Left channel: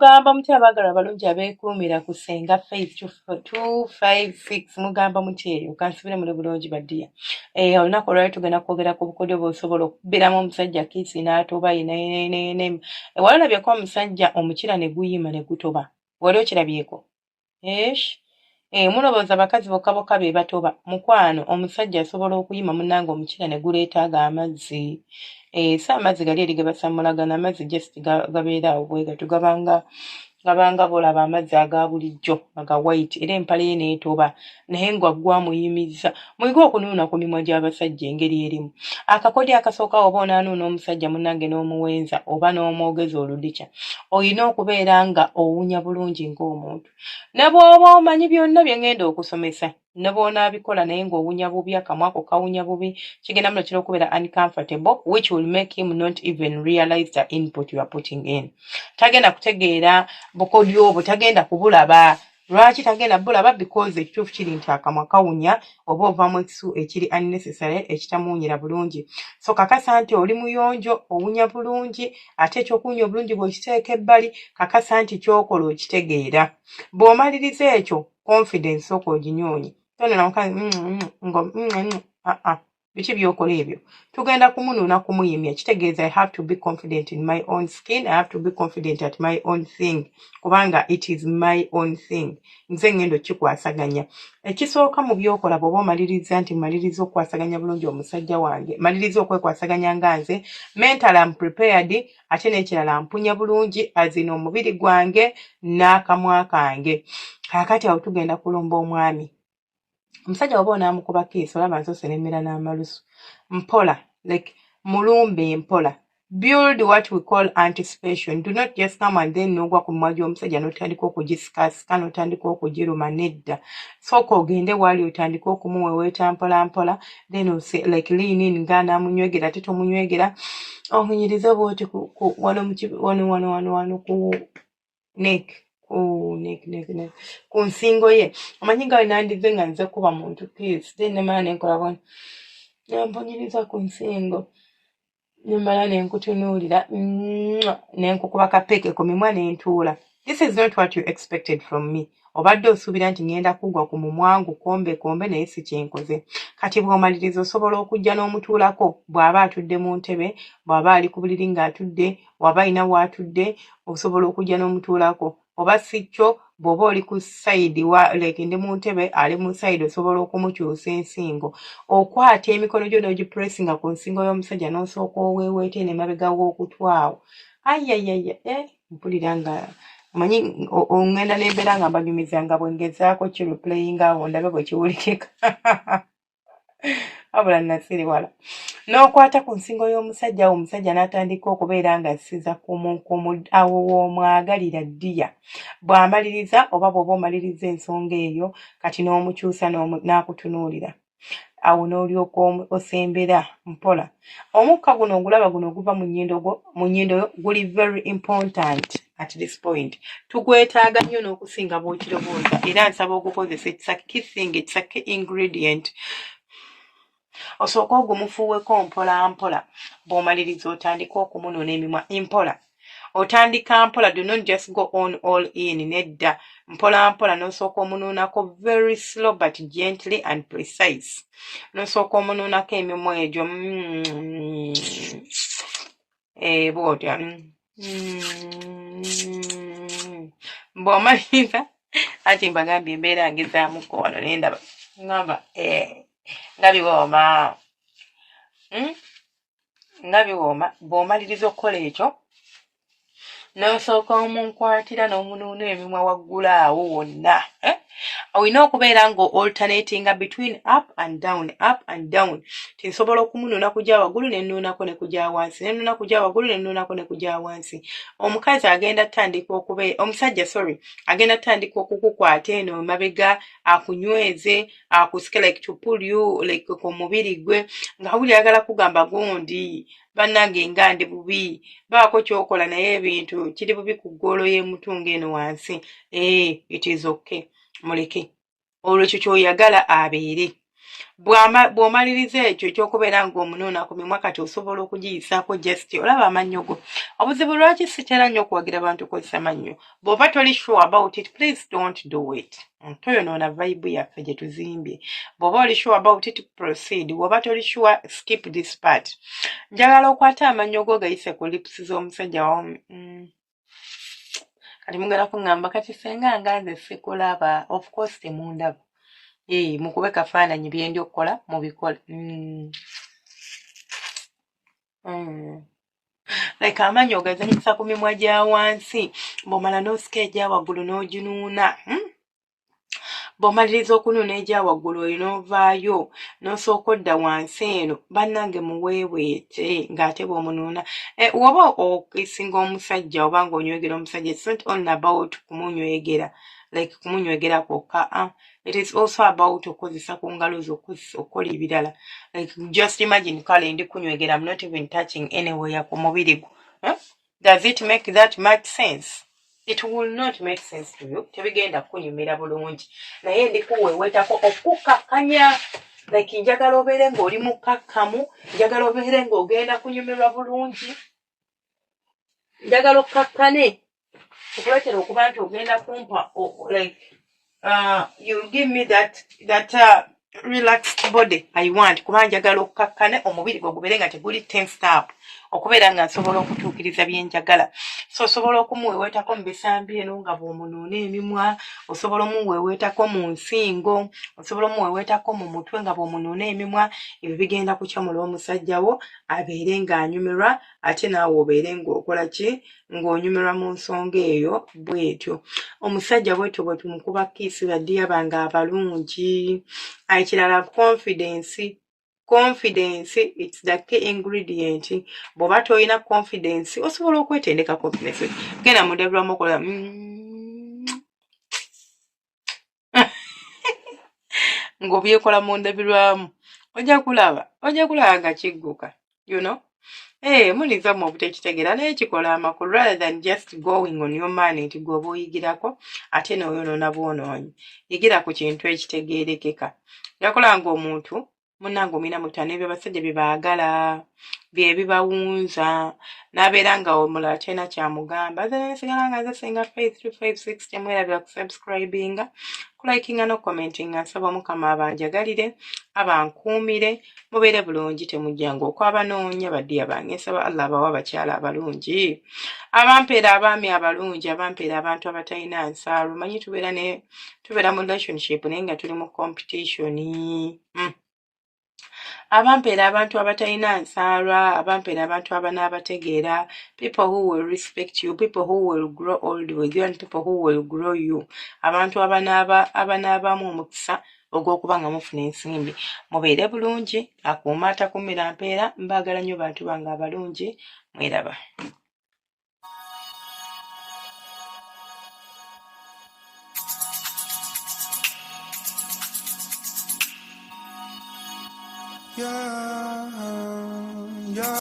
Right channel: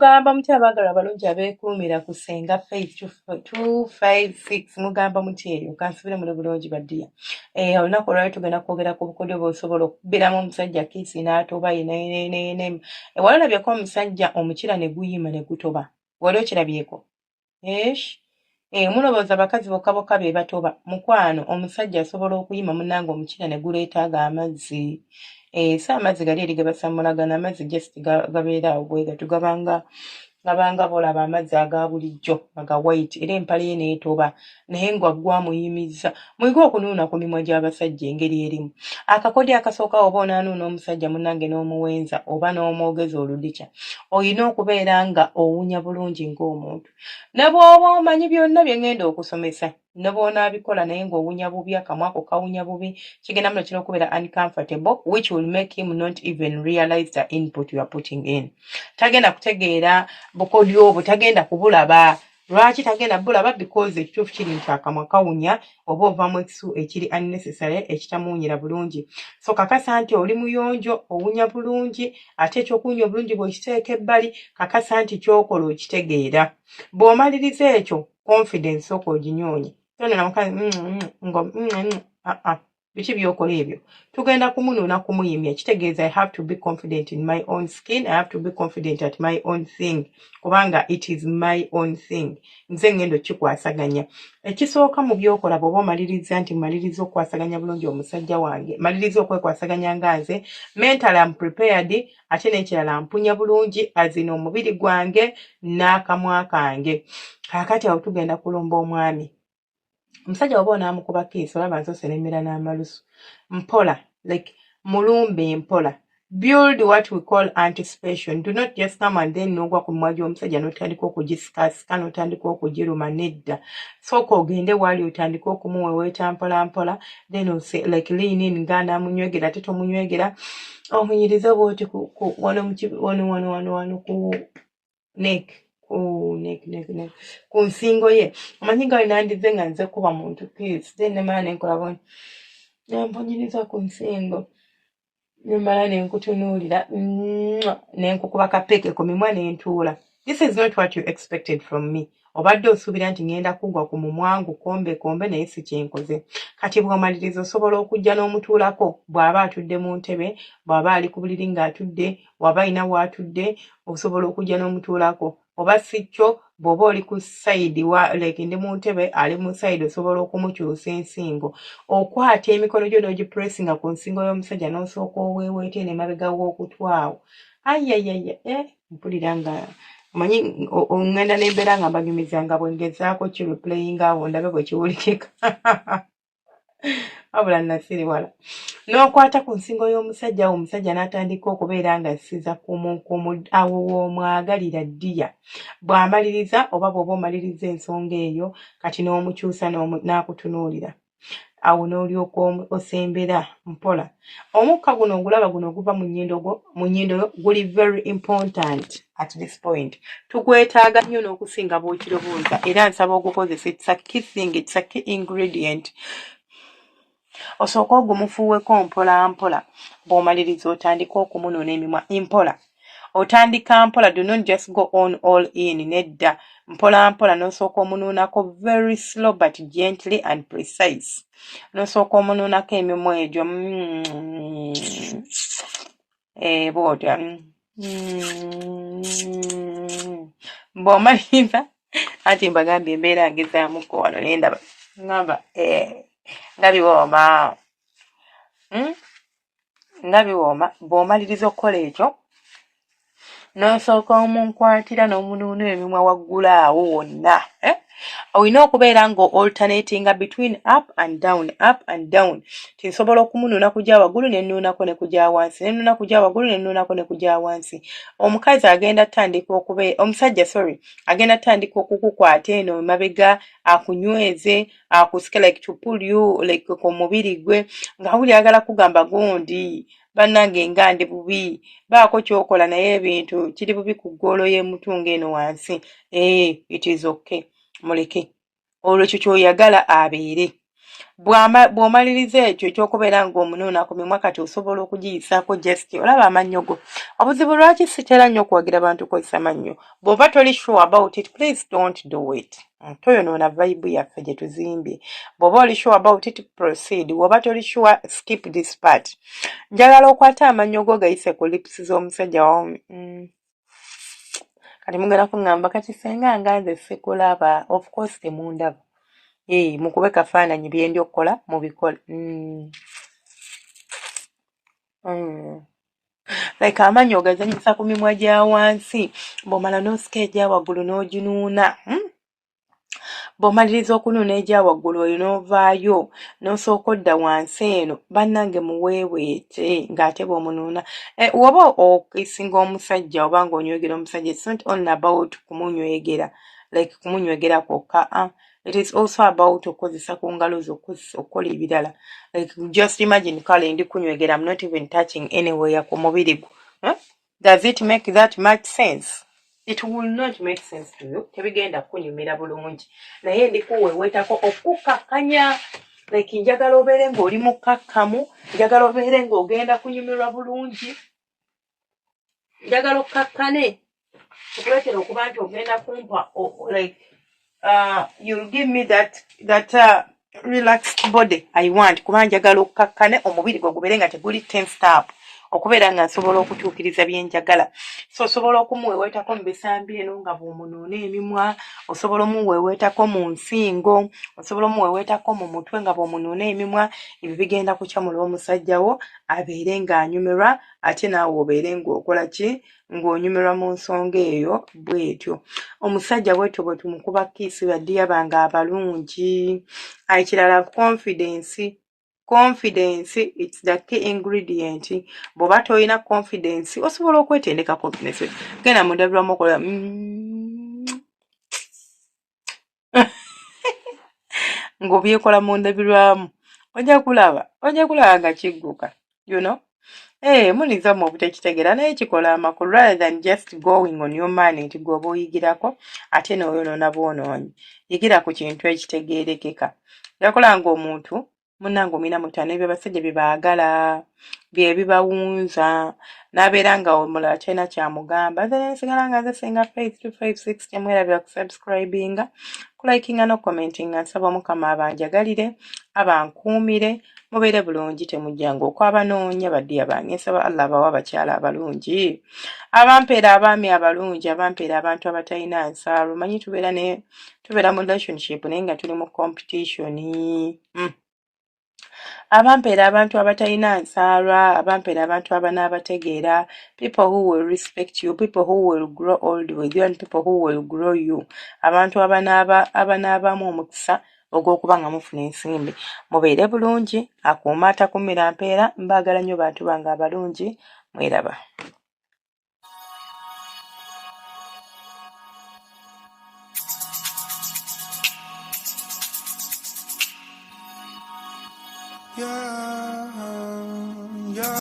mugamba muti abaagala abalungi abeekuumira ku Ssenga Faith 256 mugamba muti eyo kansubire muli bulungi baddiya. Olunaku olwali tugenda kwogera ku bukodyo bw'osobola okubbiramu omusajja kiisi n'atoba wali olabyeko omusajja omukira ne guyima ne gutoba wali okirabyeko? Mulowooza abakazi bokka bokka be batoba mukwano omusajja asobola okuyima munnange omukira ne guleetaaga amazzi. Si amazzi gali eri ge basamulagana, amazzi just gabeera awo bwe gatyo gabanga bolaba amazzi aga bulijjo aga white era empale ye n'etoba naye gwamuyimizza. Muyige okunuuna ku mimwa gy'abasajja engeri erimu. Akakodyo akasooka oba onaanuuna omusajja munnange n'omuwenza oba n'omwogeza oludikya olina okubeera nga owunya bulungi ng'omuntu. Ne bw'oba omanyi byonna bye ngenda okusomesa ne bw'onaabikola naye ng'owunya bubi akamwa ako kawunya bubi kigenda muno kira okubeera uncomfortable which will make him not even realize the input you are putting in. Tagenda kutegeera bukodyo obwo, tagenda kubulaba. Lwaki tagenda bulaba? Because ekituufu kiri nti akamwa kawunya oba ovaamu ekisu ekiri unnecessary ekitamuwunyira bulungi. So kakasa nti oli muyonjo owunya bulungi ate ekyokuwunya obulungi bw'okiteeka ebbali kakasa nti kyokola okitegeera. Bw'omaliriza ekyo confidence oginyoonye. Biki byokola ebyo? Tugenda kumunuuna kumuyimya kitegeeza I have to be confident in my own skin, I have to be confident at my own thing kubanga it is my own thing. Nze ngendo kikwasaganya. Ekisooka mu byokola bw'oba omaliriza nti maliriza okwasaganya bulungi omusajja wange, maliriza okwekwasaganya nga nze, mental am prepared ate n'ekirala mpunya bulungi azina omubiri gwange n'akamwa kange. Kaakati awo tugenda kulumba omwami. Omusajja oba onaamukuba kiisi olaba nso seremera n'amalusu. Mpola, like mulumbe mpola. Build what we call anticipation. Do not just come and then n'ogwa ku mimwa gy'omusajja n'otandika okugisikasika n'otandika okugiruma nedda. Sooka ogende wali otandika okumuweweeta mpola mpola then like lean in nga n'amunywegera ate tomunywegera omunyiriza bw'oti wano ku neck. Ku nsingo ye. Omanyi nga nandize nga nze kuba muntu kiisi then nemala nenkola bwoni namponyiriza ku nsingo nemala nenkutunuulira nenkukuba kapeke ku mimwa nentuula. This is not what you expected from me. Obadde osuubira nti ngenda kugwa ku mumwangu kombe naye si kyenkoze. Kati bw'omaliriza osobola okujja n'omutuulako bw'aba atudde mu ntebe, bw'aba ali ku buliri ng'atudde, bw'aba alina w'atudde osobola okujja n'omutuulako. Oba si kyo bw'oba oli ku sayidi like ndi mu ntebe ali mu sayidi osobola okumukyusa ensingo. Okwata emikono gyo n'ogipressinga ku nsingo y'omusajja n'osooka oweeweete n'emabega w'okutwawo. Mpulira nga manyi ongenda n'embeera nga mbanyumiza nga bwe ngezaako kireplayinga awo ndabe bwe kiwulikika. Wabula nasiriwala. N'okwata ku nsingo y'omusajja awo omusajja n'atandika okubeera nga assiza awo w'omwagalira ddiya. Bw'amaliriza oba bw'oba omaliriza ensonga eyo kati n'omukyusa n'akutunuulira. Awo n'olyoka osembera mpola. Omukka guno ogulaba guno oguva mu nnyindo yo guli very important at this point. Tugwetaaga nnyo n'okusinga bw'okirowooza era nsaba ogukozesa. It's a key thing, it's a key ingredient. Osooka ogumufuuweko mpola mpola. Bw'omaliriza otandika okumunuuna emimwa mpola. Otandika mpola, do not just go on all in nedda. Mpola mpola n'osooka omunuunako very slow but gently and precise. N'osooka omunuunako emimwa egyo bw'otya. Bw'omaliriza ati mbagambye embeera ngezaamuko wano nendaba ngamba nga biwooma. Nga biwooma. Bw'omaliriza okukola ekyo n'osooka omunkwatira n'omunuuna emimwa waggulu awo wonna. Olina okubeera nga alternatinga between up and down. Tinsobola okumunuuna kujja waggulu ne nnuunako ne kujja wansi, ne nnuuna kujja waggulu ne nnuunako ne kujja wansi. Omusajja agenda tandika okukukwata eno emabega akunyweze akusike like to pull you like ku mubiri gwe nga buli ayagala kugamba gundi bannange nga ndi bubi baako kyokola naye ebintu kiri bubi ku ggolo y'emutunga eno wansi. It is okay. Muleke olwo ekyo ky'oyagala abeere. bw'omaliriza ekyo ekyokubeera ng'omunuuna ku mimwa kati osobola okugiyisaako just olaba amannyo go. Obuzibu lwaki sitera nnyo okwagira bantu kozesa mannyo? Bw'oba toli sure about it, please don't do it. Toyonoona vibe yaffe gye tuzimbye. Bw'oba oli sure about it, proceed. Bw'oba toli sure, skip this part. Njagala okwata amannyo go gayise ku lips z'omusajja wamu. Kati mugenda kuŋŋamba kati senga nganze sikulaba. Of course temundaba. Mukube kafaananyi bye ndi okukola mubikola. Like amannyo ogazanyisa ku mimwa gya wansi, bw'omala n'osika egya waggulu n'oginuuna. Bw'omaliriza okunuuna egya waggulu oyo n'ovaayo n'osooka odda wansi eno, bannange muweeweete ng'ate bw'omunuuna. Woba okisinga omusajja oba ng'onywegera omusajja, it's not only about kumunywegera, like kumunywegera kwokka. It is also about okozesa ku ngalo zo okukola ebirala. Like just imagine kale ndi kunywegera, I'm not even touching anywhere ku mubiri gwo. Does it make that much sense? It will not make sense to you. Tebigenda kunyumira bulungi. Naye ndi kuweewetako okukakkanya. Like njagala obeere ng'oli mukakkamu, njagala obeere ng'ogenda kunyumirwa bulungi. Njagala okkakkane. Okuleetera okuba nti ogenda kumpa like you'll give me that relaxed body I want. Kuba njagala okkakkane, omubiri gwo gubeere nga teguli tensed up. Okubeera nga nsobola okutuukiriza bye njagala. So osobola okumuweewetako mu bisambi eno nga bw'omunuuna emimwa, osobola omuweewetako mu nsingo, osobola omuweewetako mu mutwe nga bw'omunuuna emimwa. Ebyo bigenda kukyamula omusajja wo abeere ng'anyumirwa, ate naawe obeere ng'okola ki? Ng'onyumirwa mu nsonga eyo bw'etyo. Omusajja bw'etyo bwe tumukuba kiisi baddi yabanga abalungi. Ekirala confidence. Confidence, it's the key ingredient. Bw'oba toyina confidence, osobola okwetendeka confidence. Genda mu ndabirwamu okola ng'obyekola mu ndabirwamu. Ojja kulaba nga kigguka. You know? Muliza mu obutekitegeera naye kikola amakulu rather than just going on your money nti gw'oba oyigirako ate n'oyonoona bwonoonyi. Yigira ku kintu ekitegeerekeka. Yakola ng'omuntu munnange omina mutane bye basajja bye baagala, bye bibawunza, n'abeera nga omulala kyalina kyamugamba. Nze nsigala nga nze singa Faith 256 temwerabira kusubscribinga, kulayikinga n'okomentinga. Nsaba Mukama abanjagalire, abankuumire, mubeere bulungi temujjanga okwabanoonya baddiya bange. Nsaba Allah abawa abakyala abalungi, abampeera abaami abalungi, abampeera abantu abatalina nsalo. Manyi tubeera mu relationship naye nga tuli mu competition. Abampeera abantu abatalina nsaalwa, abampeera abantu abanaabategeera, people who will respect you, people who will grow old with you, and people who will grow you. Abantu abanaabamu omukisa ogw'okuba nga mufuna ensimbi. Mubeere bulungi, akuuma atakumira mpeera. Mbaagala nnyo bantu bange abalungi, mweraba. Yeah.